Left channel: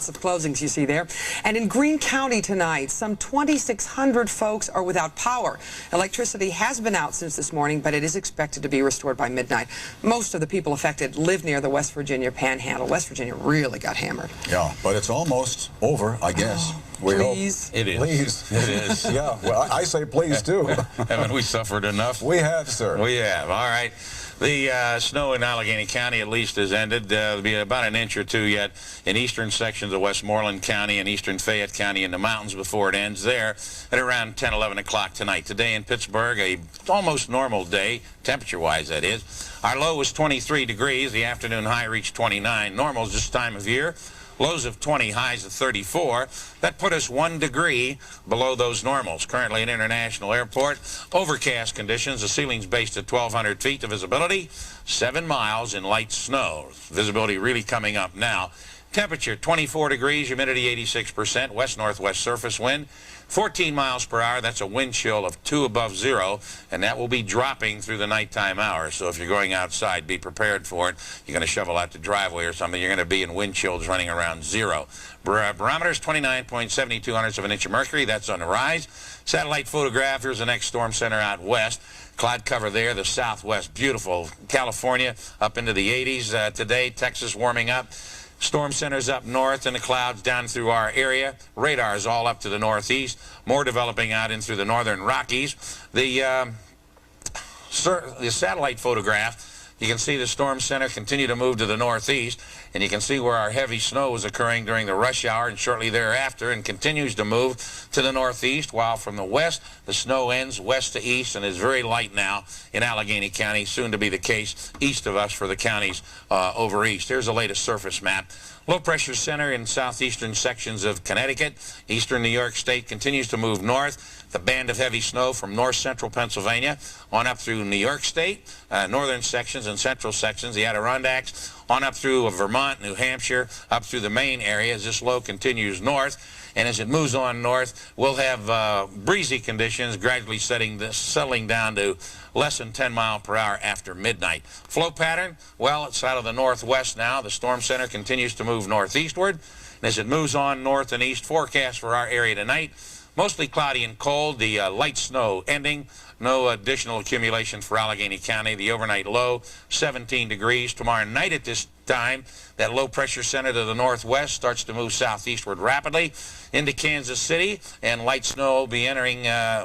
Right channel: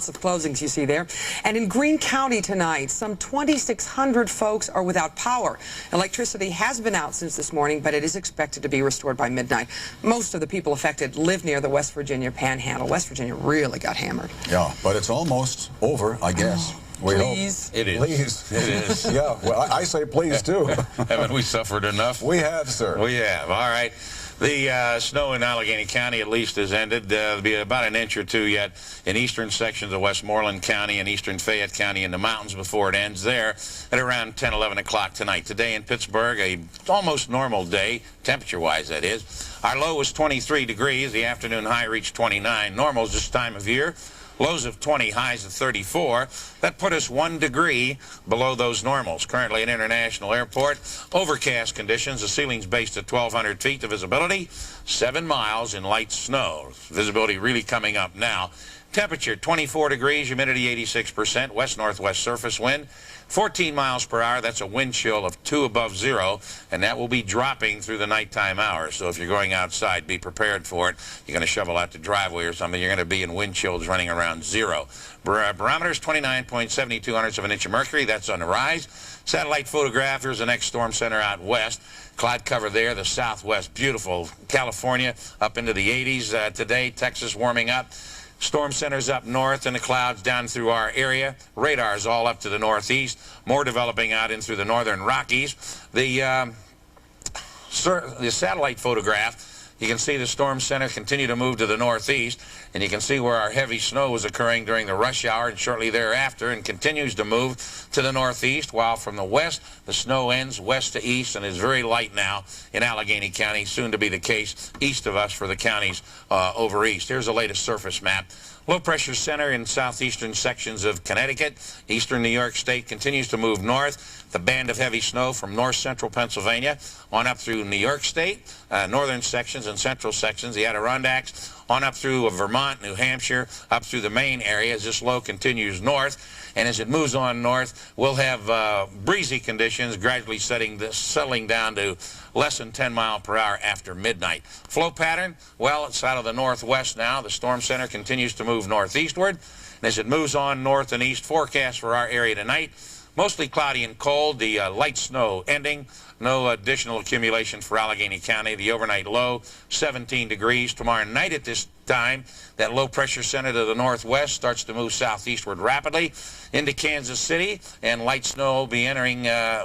lots of closings you see there. And in Greene County tonight, some 2,600 folks are without power. Electricity has been out since this morning, but it is expected to be restored by midnight. Most of the people affected live near the West Virginia Panhandle. West Virginia really got hammered. Yeah, but it's almost over, I guess. We please. Hope. It is. Please. It is. Yeah, well, I say please, too. Haven't we suffered enough? We have, sir. We have. All right. The snow in Allegheny County at least has ended. There'll be about an inch or two yet in eastern sections of Westmoreland County and eastern Fayette County in the mountains before it ends there at around 10, 11 o'clock tonight. Today in Pittsburgh, a almost normal day, temperature-wise that is. Our low was 23 degrees. The afternoon high reached 29. Normals this time of year. Lows of 20, highs of 34. That put us 1 degree below those normals. Currently at International Airport, overcast conditions. The ceiling's based at 1,200 feet. The visibility, 7 miles in light snow. Visibility really coming up now. Temperature, 24 degrees, humidity 86%, west-northwest surface wind, 14 miles per hour. That's a wind chill of 2 above 0, and that will be dropping through the nighttime hours. So if you're going outside, be prepared for it. You're going to shovel out the driveway or something, you're going to be in wind chills running around 0. Barometers, 29.72 of an inch of mercury. That's on the rise. Satellite photograph. Here's the next storm center out west. Cloud cover there, the southwest. Beautiful. California up into the 80s today. Texas warming up. Storm centers up north and the clouds down through our area. Radars all up to the northeast. More developing out in through the northern Rockies. The satellite photograph, you can see the storm center continue to move to the northeast, and you can see where our heavy snow was occurring during the rush hour and shortly thereafter, and continues to move to the northeast, while from the west the snow ends west to east and is very light now in Allegheny County, soon to be the case east of us for the counties over east. Here's the latest surface map. Low pressure center in southeastern sections of Connecticut. Eastern New York State continues to move north. The band of heavy snow from north central Pennsylvania on up through New York State, northern sections and central sections, the Adirondacks, on up through Vermont, New Hampshire, up through the Maine area as this low continues north. And as it moves on north, we'll have breezy conditions gradually settling down to less than 10 miles per hour after midnight. Flow pattern, well, it's out of the northwest now. The storm center continues to move northeastward. And as it moves on north and east, forecast for our area tonight, mostly cloudy and cold. The light snow ending. No additional accumulation for Allegheny County. The overnight low, 17 degrees. Tomorrow night at this time, that low pressure center to the northwest starts to move southeastward rapidly into Kansas City, and light snow will be entering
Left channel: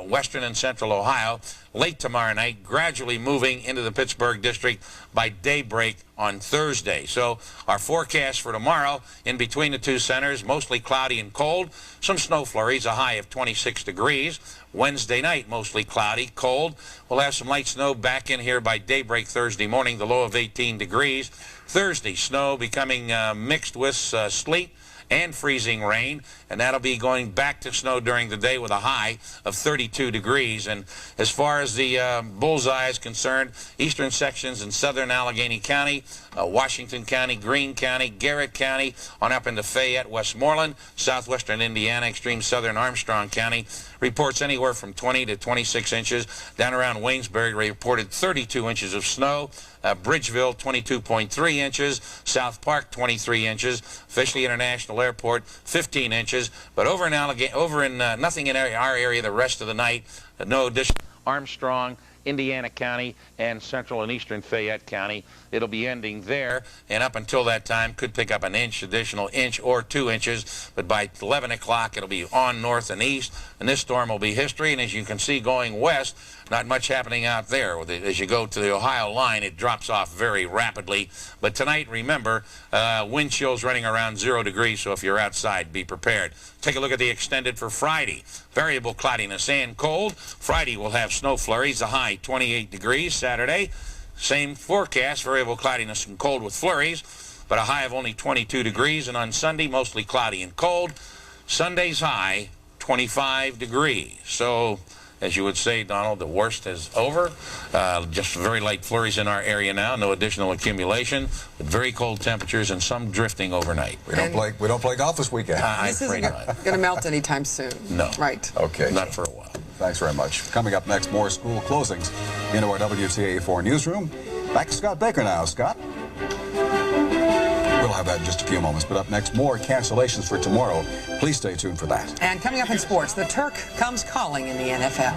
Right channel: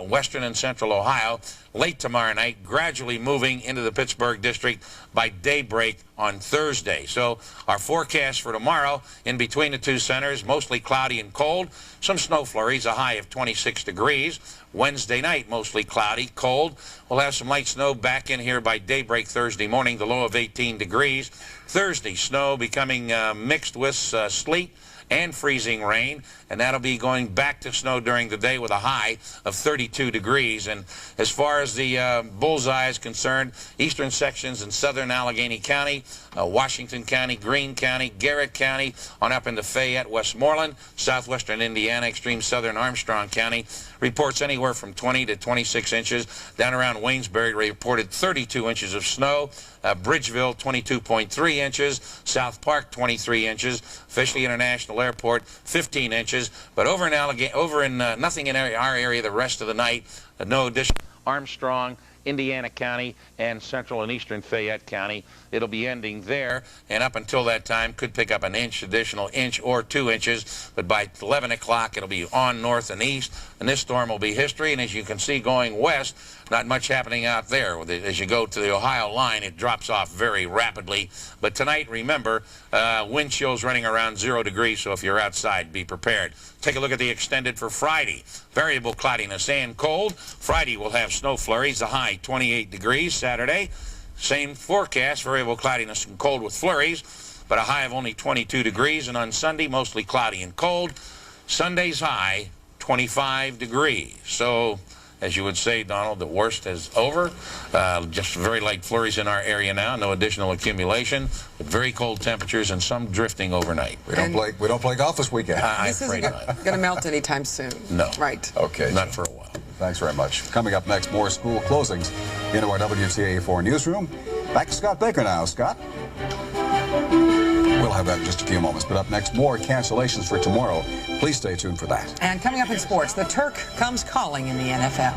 western and central Ohio late tomorrow night, gradually moving into the Pittsburgh district by daybreak on Thursday. So our forecast for tomorrow, in between the two centers, mostly cloudy and cold, some snow flurries, a high of 26 degrees. Wednesday night, mostly cloudy, cold. We'll have some light snow back in here by daybreak Thursday morning, the low of 18 degrees. Thursday, snow becoming mixed with sleet and freezing rain, and that'll be going back to snow during the day with a high of 32 degrees. And as far as the bullseye is concerned, eastern sections in southern Allegheny County, Washington County, Greene County, Garrett County, on up into Fayette, Westmoreland, southwestern Indiana, extreme southern Armstrong County, reports anywhere from 20 to 26 inches. Down around Waynesbury reported 32 inches of snow. Bridgeville, 22.3 inches. South Park, 23 inches. Officially International Airport, 15 inches. But over in nothing in our area the rest of the night. No additional. Armstrong, Indiana County, and central and eastern Fayette County. It'll be ending there, and up until that time could pick up an inch, additional inch or 2 inches, but by 11 o'clock it'll be on north and east, and this storm will be history. And as you can see going west, not much happening out there. As you go to the Ohio line, it drops off very rapidly. But tonight, remember, wind chills running around 0 degrees, so if you're outside, be prepared. Take a look at the extended for Friday. Variable cloudiness and cold. Friday will have snow flurries, the high 28 degrees. Saturday, same forecast, variable cloudiness and cold with flurries, but a high of only 22 degrees. And on Sunday, mostly cloudy and cold. Sunday's high, 25 degrees. So, as you would say, Donald, the worst is over. Just very light flurries in our area now. No additional accumulation, but very cold temperatures and some drifting overnight. We don't play golf this weekend. This isn't going to melt anytime soon. No. Right. Okay. Not for a while. Thanks very much. Coming up next, more school closings into our WTAE 4 newsroom. Back to Scott Baker now. Scott? We'll have that in just a few moments. But up next, more cancellations for tomorrow. Please stay tuned for that. And coming up in sports, the Turk comes calling in the NFL.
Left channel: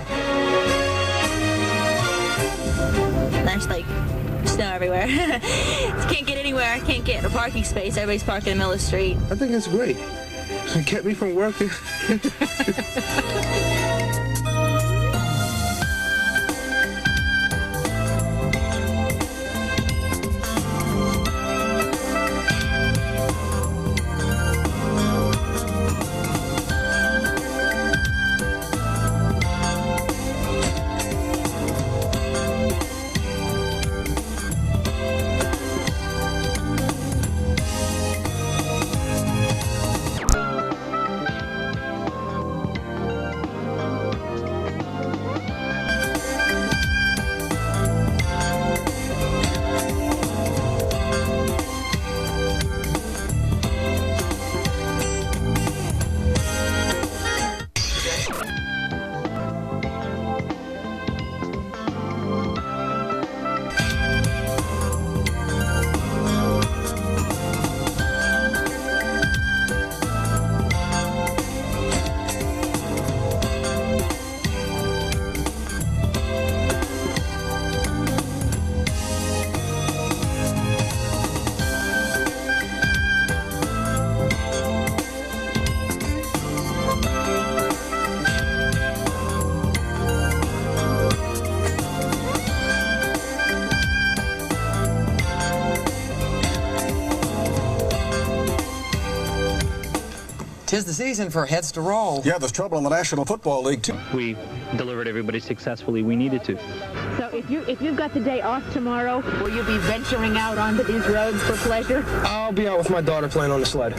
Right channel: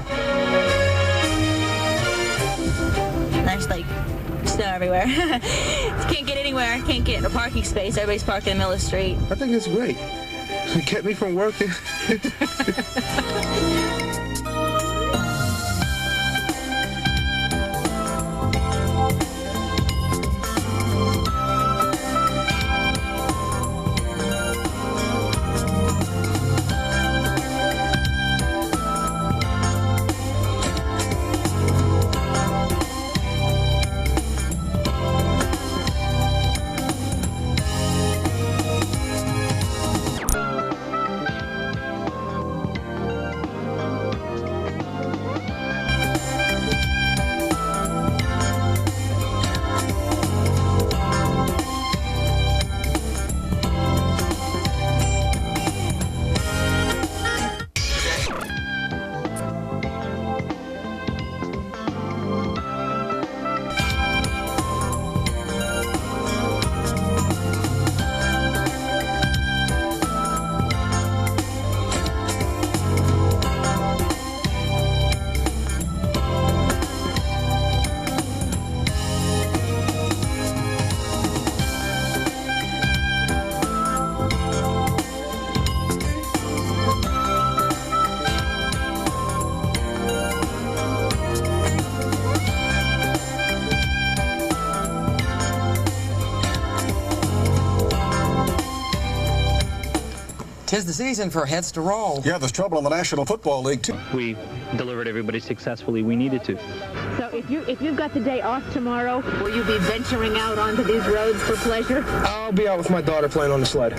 There's like snow everywhere. Can't get anywhere. Can't get a parking space. Everybody's parked in the middle of the street. I think it's great. It kept me from working. Tis the season for heads to roll. Yeah, there's trouble in the National Football League, too. We delivered everybody successfully. We needed to. So if you've got the day off tomorrow, will you be venturing out onto these roads for pleasure? I'll be out with my daughter playing on the sled.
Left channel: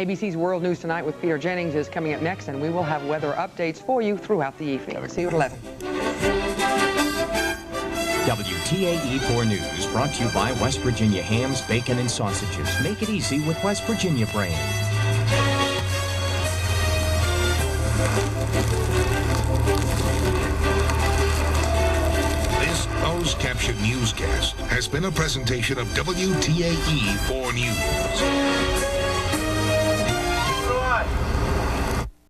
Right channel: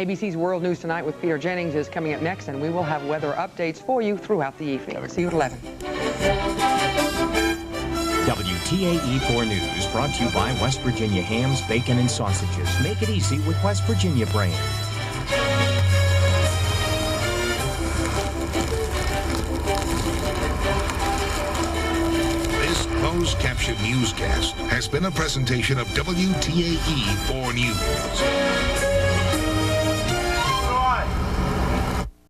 ABC's World News Tonight with Peter Jennings is coming up next, and we will have weather updates for you throughout the evening. See you at 11. WTAE 4 News brought to you by West Virginia hams, bacon, and sausages. Make it easy with West Virginia brand. This closed caption newscast has been a presentation of WTAE 4 News.